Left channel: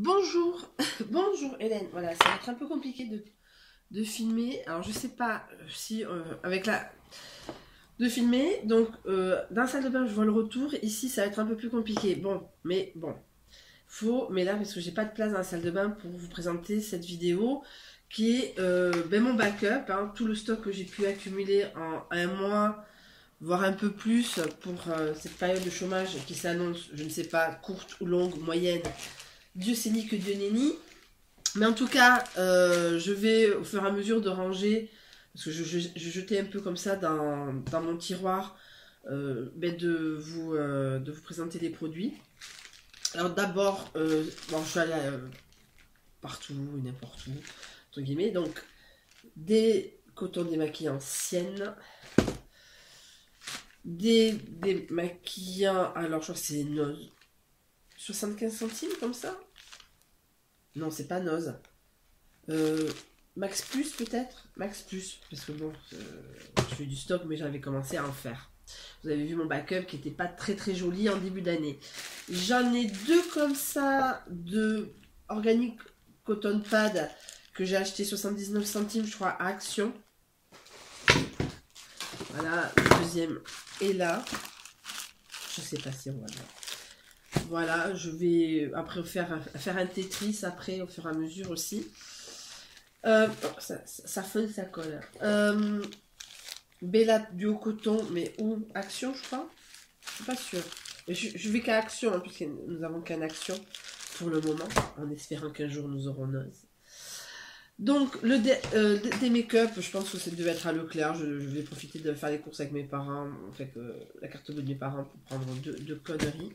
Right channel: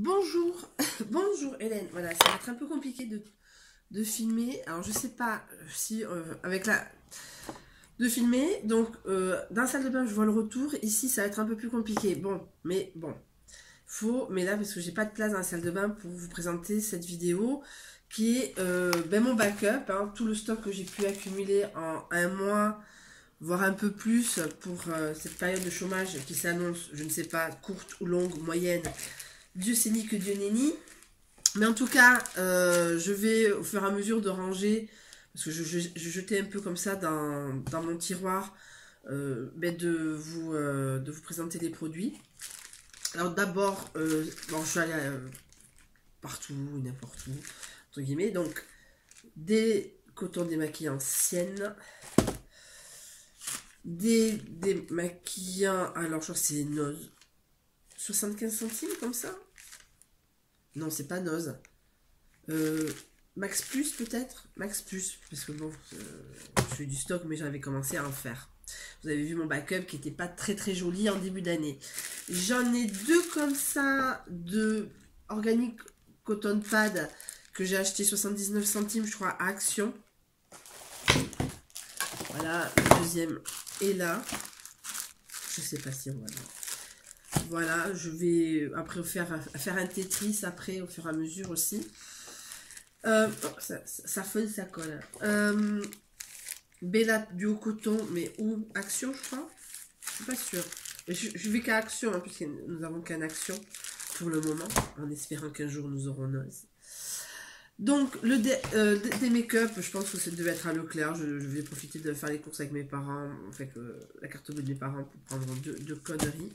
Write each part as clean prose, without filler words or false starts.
Bonjour, bonjour Hélène. Voilà, ça va être un peu compliqué de filmer. Alors je sais pas si avec la de filmer. Donc dans la salle de bain je vois le retour. Ici ça va être un peu plus compliqué. Bon, mais là parce que j'ai pas de place dans la salle de bain pour vous présenter cette vidéo qui est mon backup, hein, tout le stock que j'ai pu accumuler en un mois, voire un peu plus pour cette période de chômage qui s'annonce, je ne sais pas, courte ou longue, moyenne. Dieu sait ni que Dieu n'est ni. Mais en tout cas, je vais au fur et à mesure de ranger, parce que je jetais un peu comme ça dans mon tiroir, de vous présenter les produits. Alors d'abord, bon, je suis allée partout, n'importe où, entre guillemets. Donc, des cotons démaquillants Sienne, des démaquillants, alors je crois que c'est Nose, 75 centimes comme ça. Non, c'est pas Nose. Max Plus peut-être. Max Plus, parce que bon, je fais du stock, mais j'avais commencé à en faire. Vous avez vu mon backup qui était pas très très joli en début d'année. J'en ai deux comme ça de Organic Cotton Pad que j'ai acheté 79 centimes, je crois, à Action. Voilà, le deuxième est là. Je sais pas si on va voir. Voilà, je vais après faire un Tetris après au fur et à mesure aussi. Ça fun, ça colle. Bella Duo Coton, mais où Action, je crois. Je suis pas sûre. Je vais qu'à Action, hein, puisque nous avons qu'un Action pour le moment, en espérant qu'un jour nous aurons Nose. Donc, des make-up, je pense que ça devait être à Leclerc. Je vais profiter de faire les courses avec mes parents, enfin, la carte bleue de mes parents pour prendre deux conneries.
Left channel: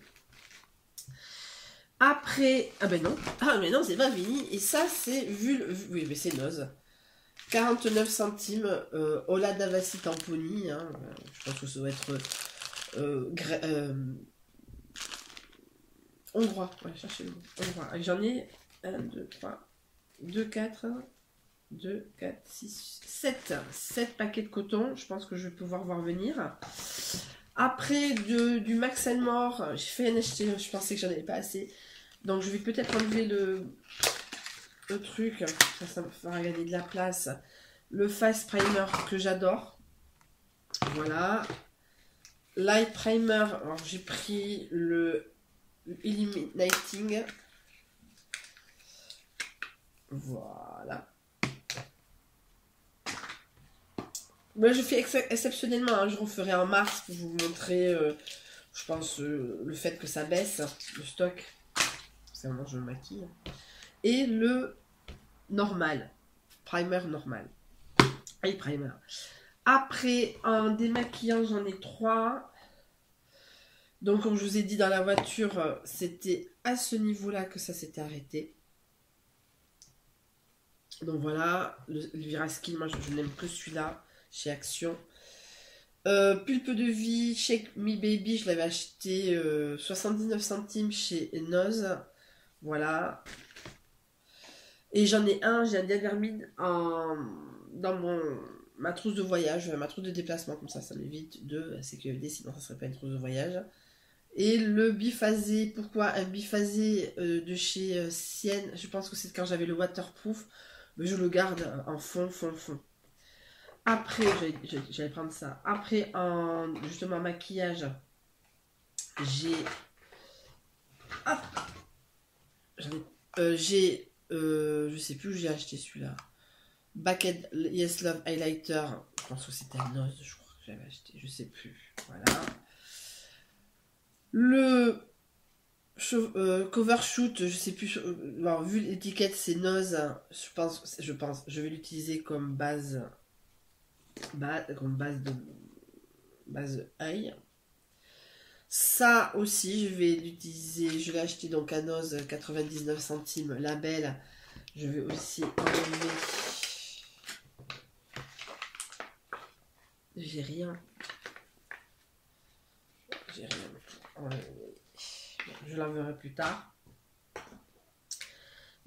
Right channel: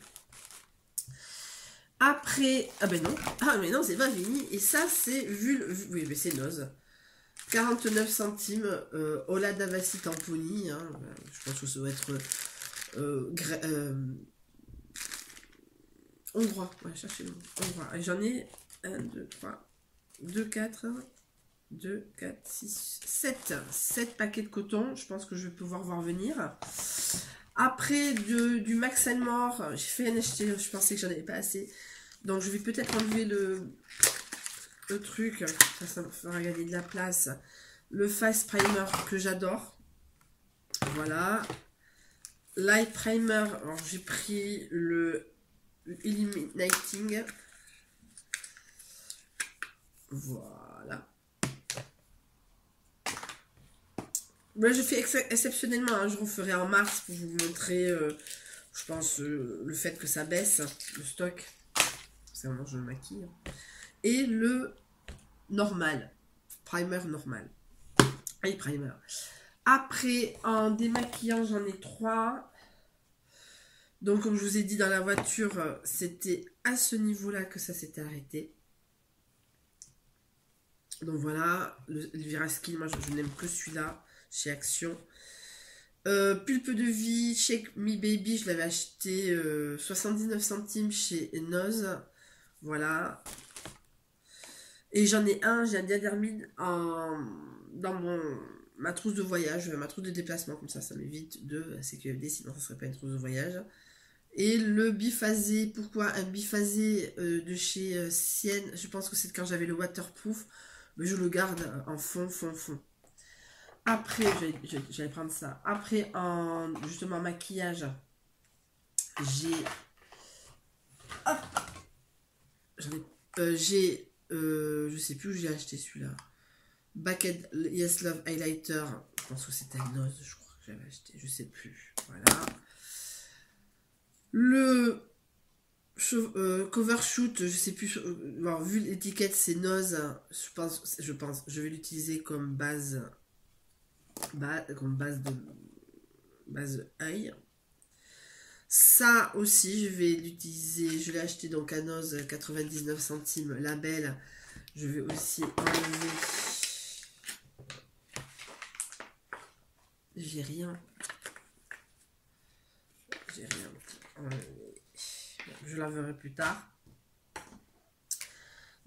Après, mais non, c'est pas fini. Et ça, c'est oui, mais c'est Nose. 49 centimes, Ola Davasi Tamponi, hein, je pense que ça doit être hongrois, ouais, cherchez le mot, hongrois. J'en ai 1, 2, 3, 2, 4, 2, 4, 6, 7 paquets de coton, je pense que je vais pouvoir voir venir. Après, du Max & More, j'ai fait un acheté, je pensais que j'en avais pas assez, donc je vais peut-être enlever le truc, ça me fera gagner de la place. Le Face Primer que j'adore. Voilà. L'Eye Primer. Alors j'ai pris le Illuminating. Voilà. Moi je fais exceptionnellement. Hein, je referai en mars pour vous montrer, je pense, le fait que ça baisse, le stock. C'est vraiment je me maquille. Et le normal. Primer normal. Eye Primer. Après, en démaquillant, j'en ai 3. Donc, comme je vous ai dit dans la voiture, c'était à ce niveau-là que ça s'était arrêté. Donc voilà, le Viraski, moi je n'aime que celui-là, chez Action. Pulpe de vie, Shake Me Baby, je l'avais acheté 79 centimes chez Nose. Voilà. Et j'en ai un, j'ai un diadermide dans ma trousse de voyage, ma trousse de déplacement, comme ça m'évite de CQFD, sinon ça ne serait pas une trousse de voyage. Et le biphasé, pourquoi un biphasé de chez Sienne, je pense que c'est quand j'avais le waterproof, mais je le garde en fond. Après, j'allais prendre ça. Après, en justement maquillage, j'ai... je sais plus où j'ai acheté celui-là. Backed Yes Love Highlighter, je pense que c'était un Nose, je crois que j'avais acheté, je sais plus. Voilà. Le cover shoot, je sais plus, alors, vu l'étiquette c'est Nose, je vais l'utiliser comme base œil. Ça aussi, je vais l'utiliser, je l'ai acheté donc à Nose 99 centimes, label. Je vais aussi enlever. J'ai rien pour enlever. Je l'enverrai plus tard.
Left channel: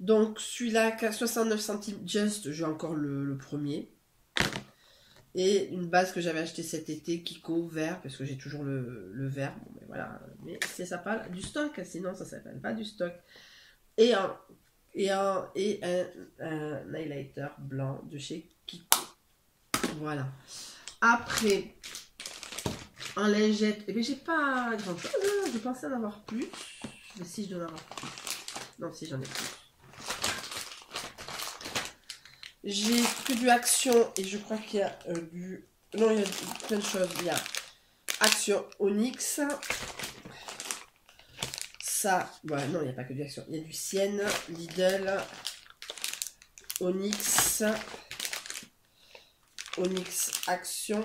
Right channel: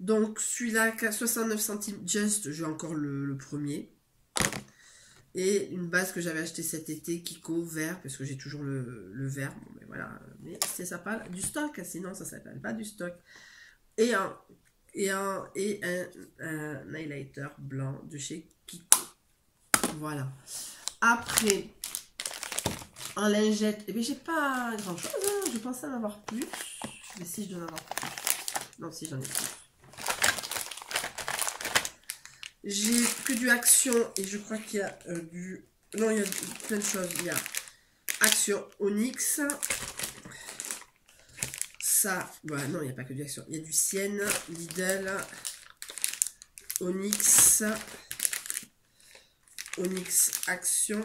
Donc celui-là, 69 centimes just, j'ai encore le premier. Et une base que j'avais acheté cet été, Kiko, vert, parce que j'ai toujours le vert. Bon, mais voilà, mais c'est ça parle du stock, sinon ça s'appelle pas du stock. un highlighter blanc de chez Kiko. Voilà. Après, en lingette, eh bien, j'ai pas grand chose, hein. Je pensais en avoir plus. Mais si, je dois en avoir plus. Non, si, j'en ai plus. J'ai que du Action et je crois qu'il y a du... Non, il y a plein de choses. Il y a Action Onyx. Ça, voilà, non, il n'y a pas que du Action. Il y a du Sienne, Lidl, Onyx, Onyx Action,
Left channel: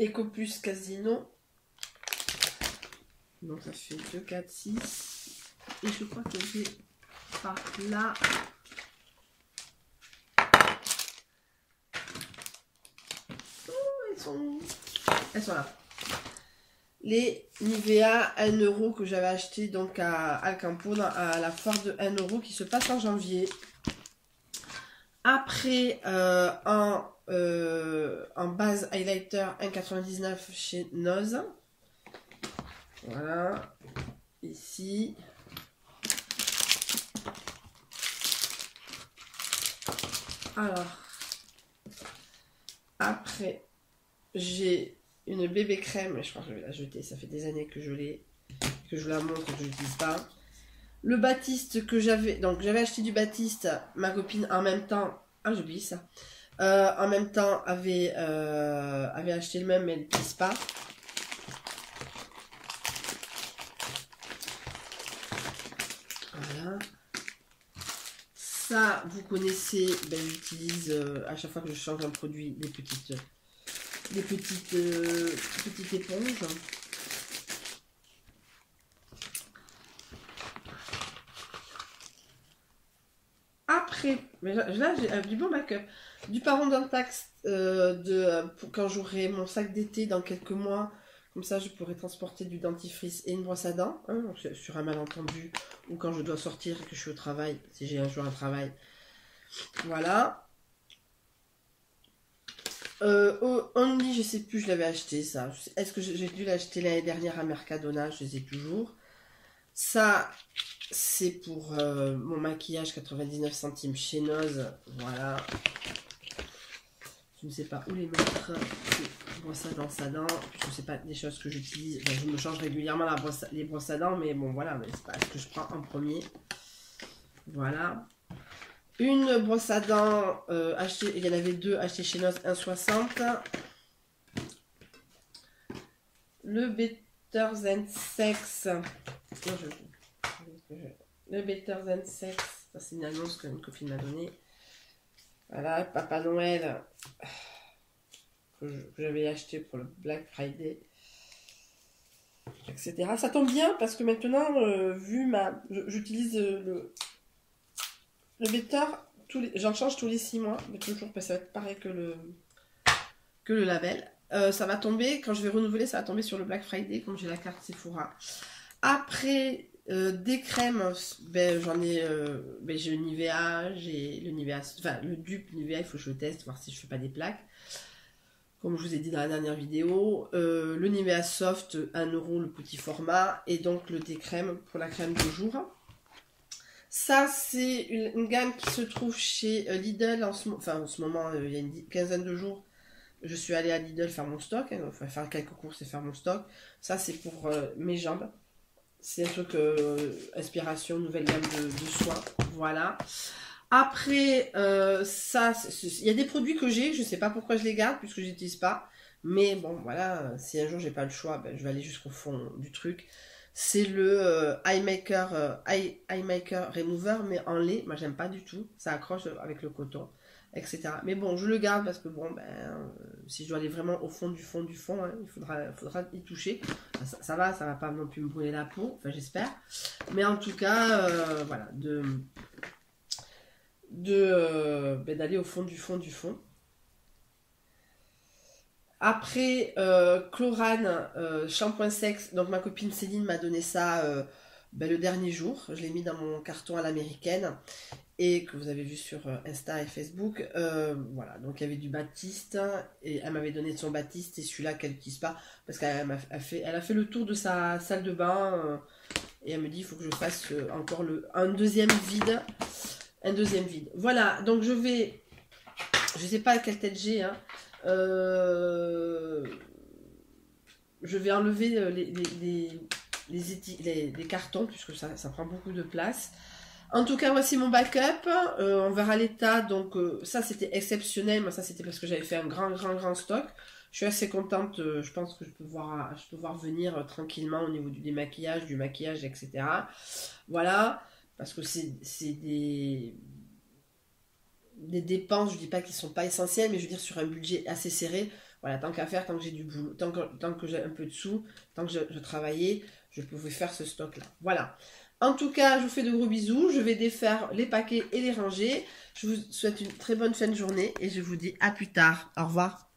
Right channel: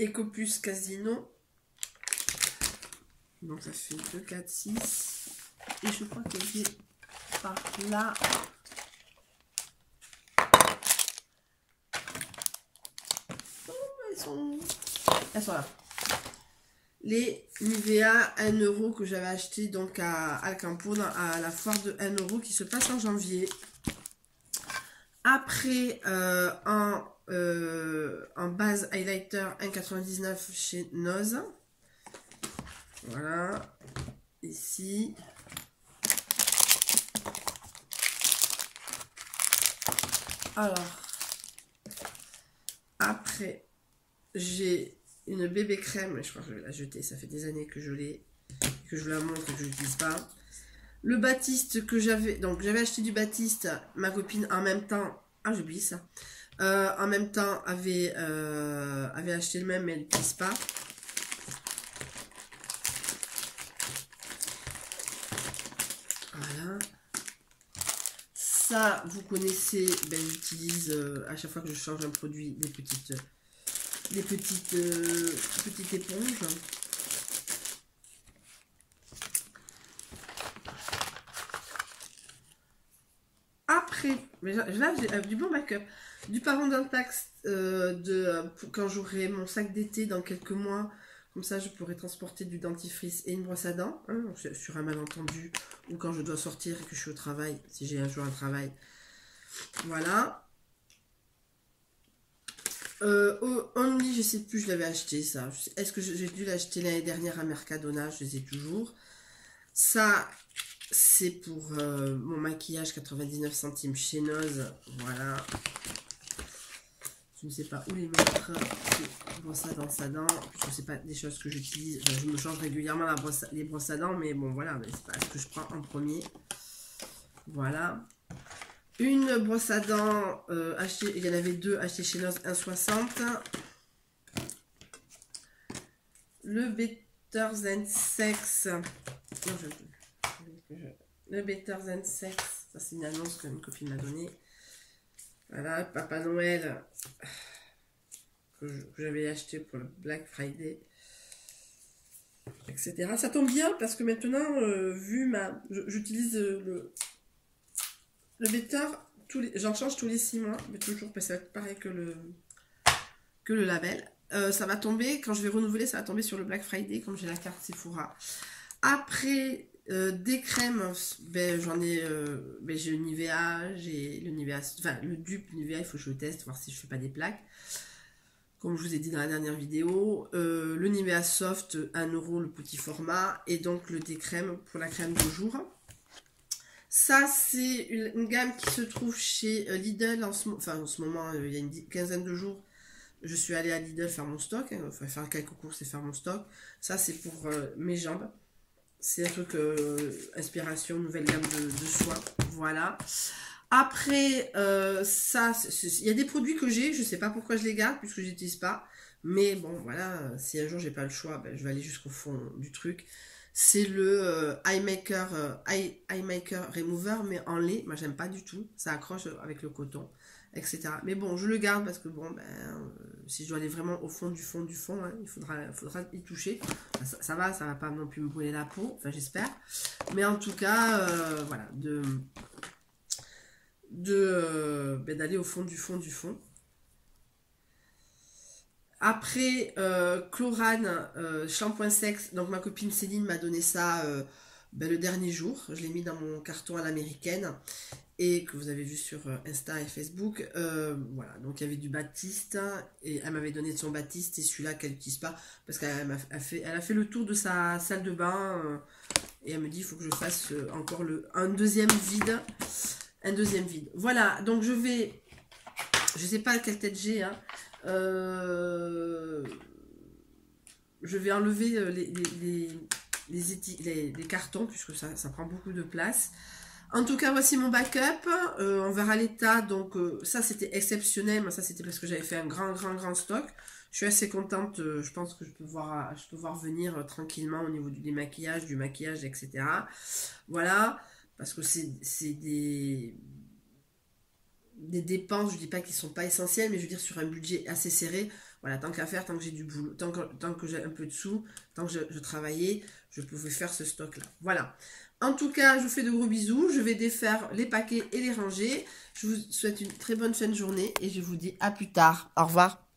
Ecopus Casino. Donc ça fait 2, 4, 6. Et je crois que j'ai par là... Elles sont là. Les Nivea 1 € que j'avais acheté donc à Alcampo à la foire de 1 € qui se passe en janvier. Après, en base highlighter 1,99 chez Noz. Voilà. Ici. Alors. Après, j'ai une bébé crème, je crois que je vais la jeter, ça fait des années que je l'ai, que je la montre et que je l'utilise pas. Le Baptiste que j'avais, donc j'avais acheté du Baptiste, ma copine en même temps, ah j'ai oublié ça, en même temps avait acheté le même mais elle n'utilise pas. Voilà. Ça, vous connaissez, ben, j'utilise à chaque fois que je change un produit des petites éponges. Après, là j'ai du bon backup. Du Paron d'Intax quand j'aurai mon sac d'été dans quelques mois. Comme ça, je pourrai transporter du dentifrice et une brosse à dents. Hein, sur un malentendu ou quand je dois sortir et que je suis au travail. Si j'ai un jour un travail. Voilà. Only, je sais plus, je l'avais acheté ça. Est-ce que j'ai dû l'acheter l'année dernière à Mercadona? Je les ai toujours. Ça, c'est pour mon maquillage 99 centimes chez Noz. Voilà. Je ne sais pas où les mettre. Brosse à dents, je ne sais pas des choses que j'utilise. Enfin, je me change régulièrement les brosses à dents, mais bon, voilà. C'est pas ce que je prends en premier. Voilà. Une brosse à dents achetée, il y en avait deux achetées chez Noz 1,60. Le Better Than Sex. Non, le Better Than Sex. Ça, c'est une annonce qu'une copine m'a donnée. Voilà, Papa Noël que j'avais acheté pour le Black Friday, etc. Ça tombe bien parce que maintenant, j'utilise le Better, j'en change tous les 6 mois, mais toujours, ça va être pareil que le label. Ça va tomber, quand je vais renouveler, ça va tomber sur le Black Friday, comme j'ai la carte Sephora. Après, des crèmes, ben, j'en ai, j'ai le Nivea, j'ai le Nivea, enfin le dupe Nivea, il faut que je le teste, voir si je fais pas des plaques. Comme je vous ai dit dans la dernière vidéo, le Nivea Soft, 1 € le petit format, et donc le décrème pour la crème de jour. Ça, c'est une gamme qui se trouve chez Lidl en ce moment, il y a une quinzaine de jours. Je suis allée à Lidl faire mon stock, hein, enfin, faire quelques courses et faire mon stock. Ça, c'est pour mes jambes. C'est un truc inspiration, nouvelle gamme de soins. Voilà. Après, ça, il y a des produits que j'ai, je sais pas pourquoi je les garde, puisque je les utilise pas. Mais bon, voilà, si un jour j'ai pas le choix, ben, je vais aller jusqu'au fond du truc. C'est le Eye Maker Remover, mais en lait. Moi, j'aime pas du tout. Ça accroche avec le coton, etc. Mais bon, je le garde parce que bon, si je dois aller vraiment au fond du fond, hein, il faudra y toucher. Ça va pas non plus me brûler la peau. Enfin, j'espère. Mais en tout cas, voilà, d'aller au fond du fond. Après, Chlorane, shampoing sexe. Donc ma copine Céline m'a donné ça le dernier jour. Je l'ai mis dans mon carton à l'américaine. Et que vous avez vu sur Insta et Facebook. Voilà, donc il y avait du Baptiste. Et elle m'avait donné de son Baptiste. Et celui-là qu'elle n'utilise pas. Parce qu'elle a fait le tour de sa salle de bain. Et elle me dit, il faut que je fasse encore un deuxième vide. Un deuxième vide. Voilà, donc je vais... Je sais pas quelle tête j'ai, hein. Je vais enlever les cartons, puisque ça prend beaucoup de place. En tout cas, voici mon backup. On verra l'état. Donc, ça, c'était exceptionnel. Mais ça, c'était parce que j'avais fait un grand stock. Je suis assez contente. Je pense que je peux voir venir tranquillement au niveau du démaquillage, du maquillage, etc. Voilà. Parce que c'est des dépenses, je dis pas qu'ils sont pas essentielles, mais je veux dire sur un budget assez serré. Voilà, tant qu'à faire, tant que j'ai du boulot, tant que j'ai un peu de sous, tant que je travaillais, je pouvais faire ce stock-là. Voilà. En tout cas, je vous fais de gros bisous. Je vais défaire les paquets et les ranger. Je vous souhaite une très bonne fin de journée et je vous dis à plus tard. Au revoir.